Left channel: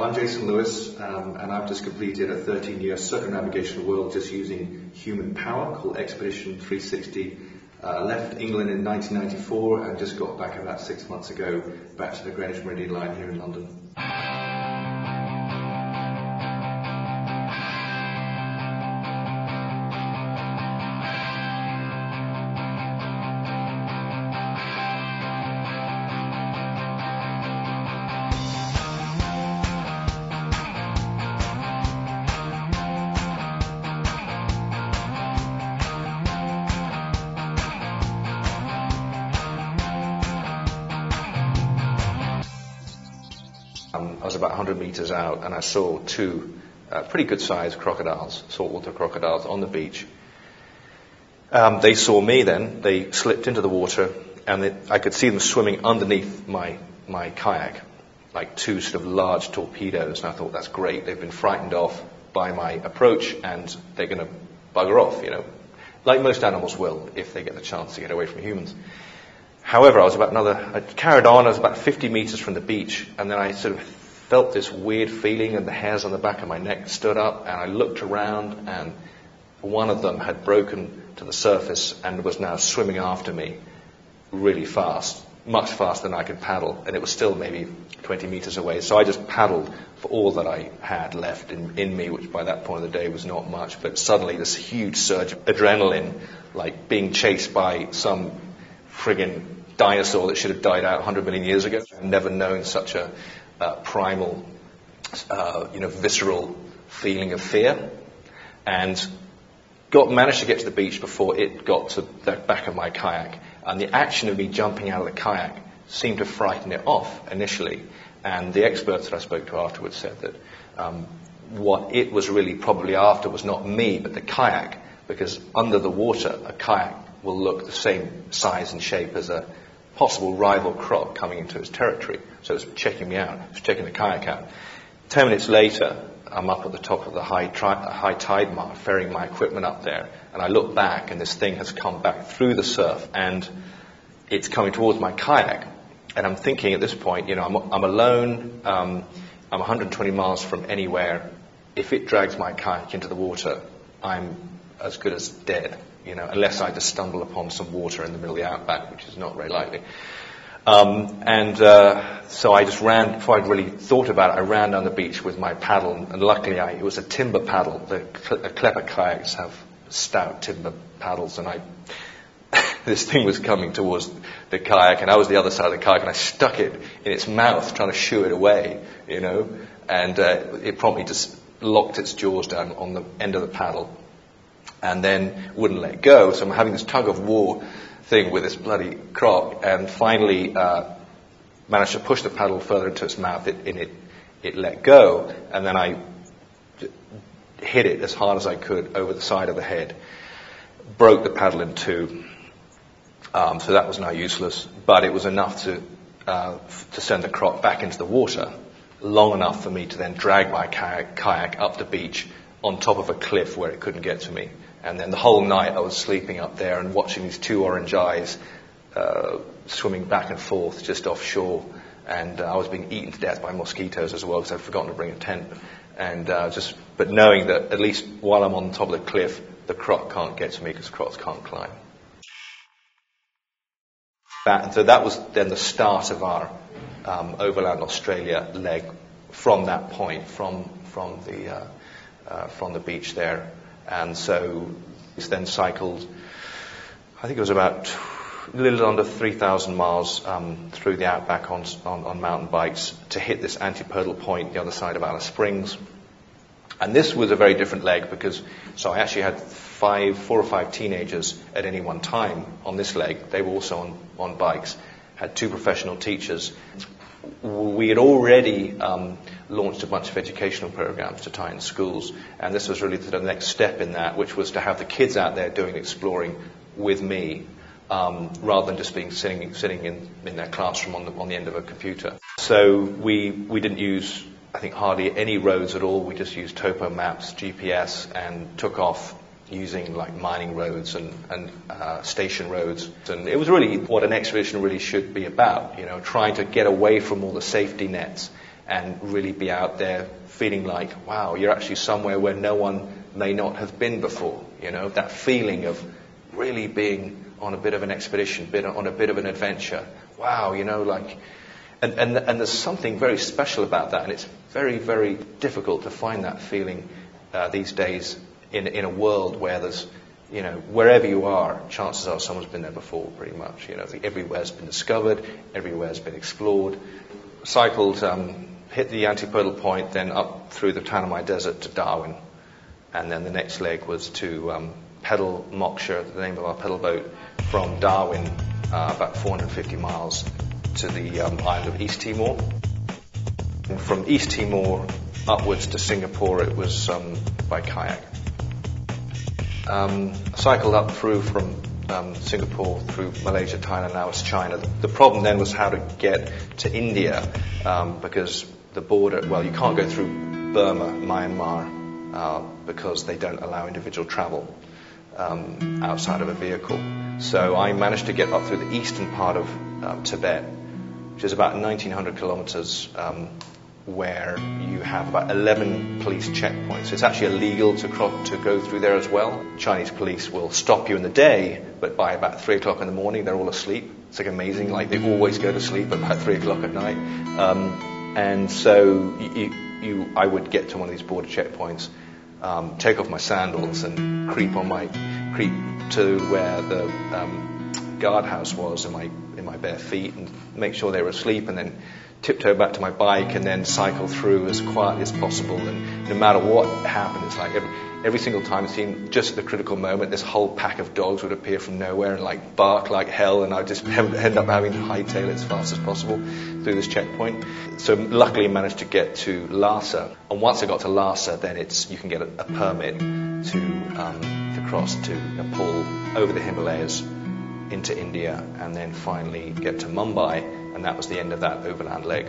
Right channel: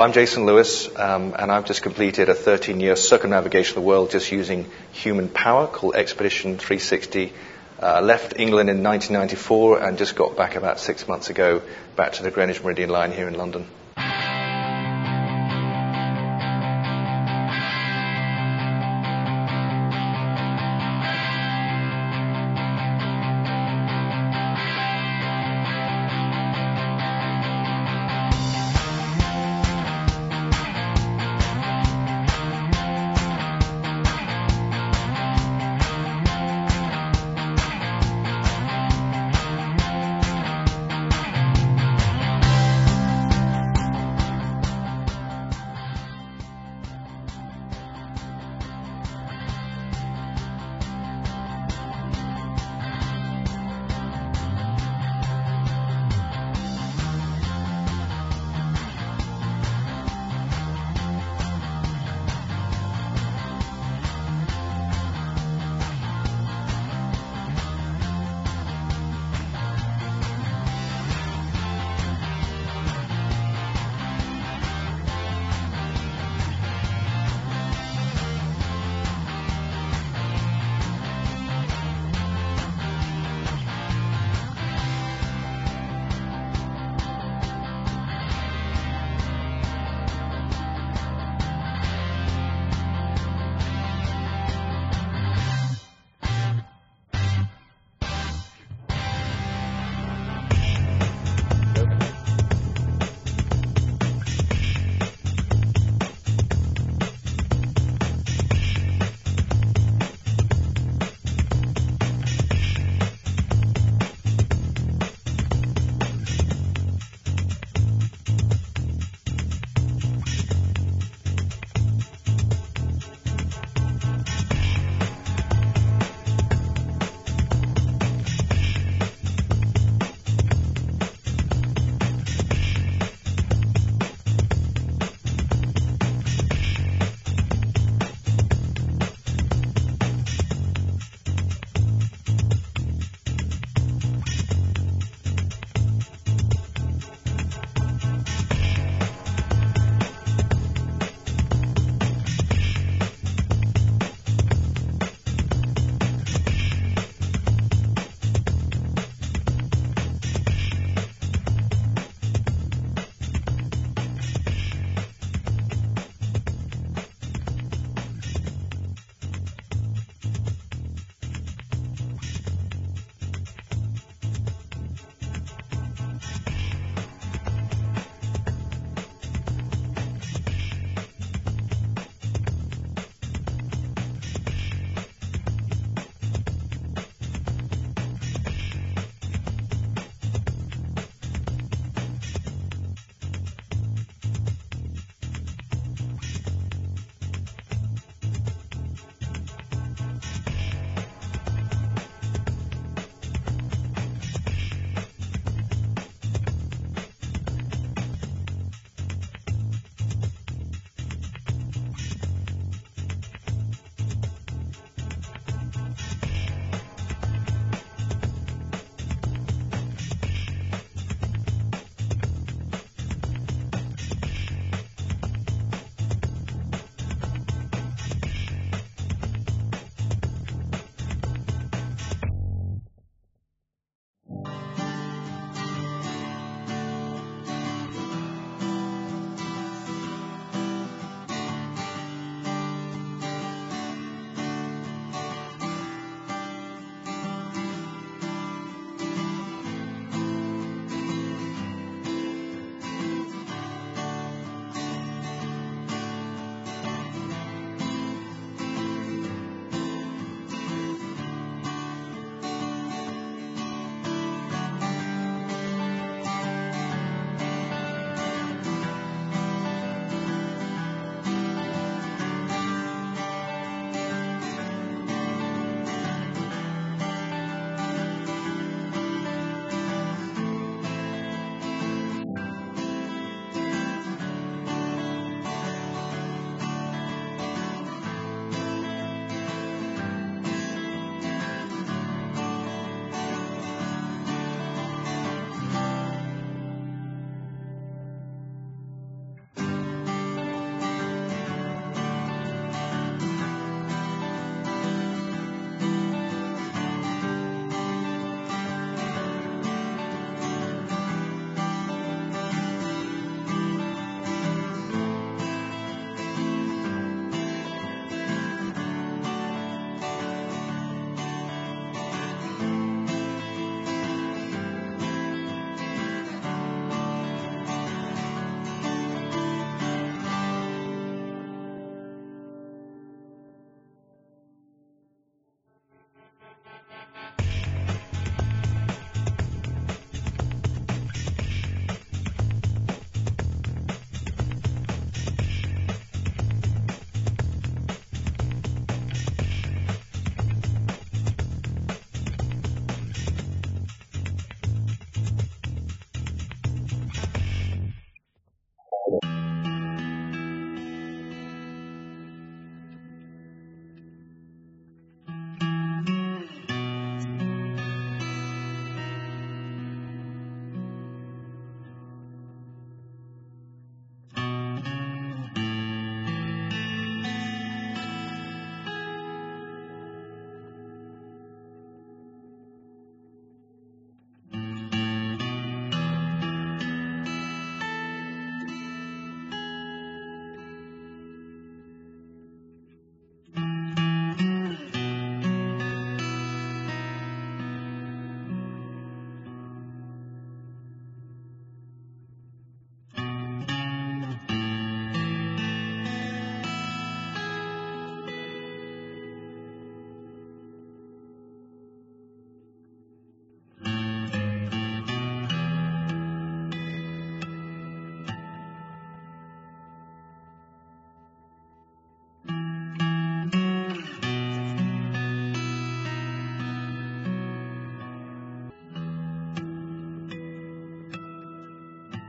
I'm Jason Lewis, and I've just completed a 13-year circumnavigation of the world just using human power called Expedition 360. Left England in 1994 and just got back about 6 months ago back to the Greenwich Meridian line here in London. About 100 meters out, and I saw two pretty good-sized crocodiles, saltwater crocodiles, on the beach. They saw me then. They slipped into the water, and I could see them swimming underneath my kayak, like two sort of large torpedoes. And I thought, that's great. They've been frightened off by my approach, and they're going to bugger off, like most animals will if they get the chance to get away from humans. However, I carried on. I was about 50 meters from the beach, and then I sort of felt this weird feeling, and the hairs on the back of my neck stood up, and I looked around, and one of them had broken to the surface and was now swimming after me really fast, much faster than I could paddle, and it was still maybe 20 meters away. So I just paddled for all that I had left in me, which by that point of the day was not much, but suddenly this huge surge of adrenaline, like being chased by some friggin' dinosaur that should have died out 100 million years ago. I've never known such a primal, visceral feeling of fear, and managed to get to the beach before it got to the back of my kayak. And the action of me jumping out of the kayak seemed to frighten it off initially. And the experts that I spoke to afterwards said that what it was really probably after was not me, but the kayak, because under the water, a kayak will look the same size and shape as a possible rival croc coming into its territory. So it's checking me out, it's checking the kayak out. 10 minutes later, I'm up at the top of the high tide mark, ferrying my equipment up there, and I look back, and this thing has come back through the surf, and it's coming towards my kayak. And I'm thinking at this point, I'm alone, I'm 120 miles from anywhere. If it drags my kayak into the water, I'm as good as dead, unless I just stumble upon some water in the middle of the outback, which is not very likely. So I just ran, before I really thought about it, I ran down the beach with my paddle, and luckily it was a timber paddle. The Klepper kayaks have stout timber paddles, and this thing was coming towards the kayak, and I was the other side of the kayak, and I stuck it in its mouth, trying to shoo it away, and it promptly just locked its jaws down on the end of the paddle, and then wouldn't let go. So I'm having this tug of war thing with this bloody croc, and finally managed to push the paddle further into its mouth. It let go, and then I hit it as hard as I could over the side of the head, broke the paddle in two. So that was now useless, but it was enough to send the croc back into the water, long enough for me to then drag my kayak up the beach on top of a cliff where it couldn't get to me. And then the whole night I was sleeping up there and watching these two orange eyes swimming back and forth just offshore. And I was being eaten to death by mosquitoes as well, because I'd forgotten to bring a tent. And but knowing that at least while I'm on top of the cliff, the croc can't get to me because crocs can't climb. So that was then the start of our overland Australia leg. From that point, from the beach there, and so it's then cycled. I think it was about a little under 3,000 miles through the outback on mountain bikes to hit this antipodal point, the other side of Alice Springs. And this was a very different leg because I actually had 4 or 5 teenagers at any one time on this leg. They were also on bikes. Had 2 professional teachers. We had already launched a bunch of educational programs to tie in schools, and this was really the next step in that, which was to have the kids out there doing exploring with me, rather than just being sitting in their classroom on the end of a computer. So we didn't use, I think, hardly any roads at all. We just used topo maps, GPS, and took off using like mining roads and station roads. And it was really what an expedition really should be about, trying to get away from all the safety nets and really be out there feeling like, wow, you're actually somewhere where no one may not have been before. You know, that feeling of really being on a bit of an expedition, been on a bit of an adventure. Wow, you know, like, and there's something very special about that, and it's very, very difficult to find that feeling these days in a world where there's, you know, wherever you are, chances are someone's been there before, pretty much. You know, everywhere's been discovered, everywhere's been explored. Cycled, hit the antipodal point, then up through the Tanami Desert to Darwin, and then the next leg was to pedal Moksha, the name of our pedal boat, from Darwin, about 450 miles to the island of East Timor. And from East Timor upwards to Singapore, it was by kayak. Cycled up through from Singapore, through Malaysia, Thailand, now it's China. The problem then was how to get to India, because the border, well, you can't go through Burma, Myanmar, because they don't allow individual travel outside of a vehicle. So I managed to get up through the eastern part of Tibet, which is about 1,900 kilometers, where you have about 11 police checkpoints. It's actually illegal to go through there as well. Chinese police will stop you in the day, but by about 3 o'clock in the morning, they're all asleep. It's like amazing, like they always go to sleep at about 3 o'clock at night. And so I would get to one of these border checkpoints, take off my sandals and creep to where the guardhouse was in my bare feet and make sure they were asleep, and then tiptoe back to my bike and then cycle through as quietly as possible. And no matter what happened, it's like every single time it seemed just at the critical moment, this whole pack of dogs would appear from nowhere and like bark like hell, and I'd just end up having to hightail it as fast as possible through this checkpoint. So luckily I managed to get to Lhasa, and once I got to Lhasa, then you can get a permit to cross to Nepal, over the Himalayas into India, and then finally get to Mumbai, and that was the end of that overland leg.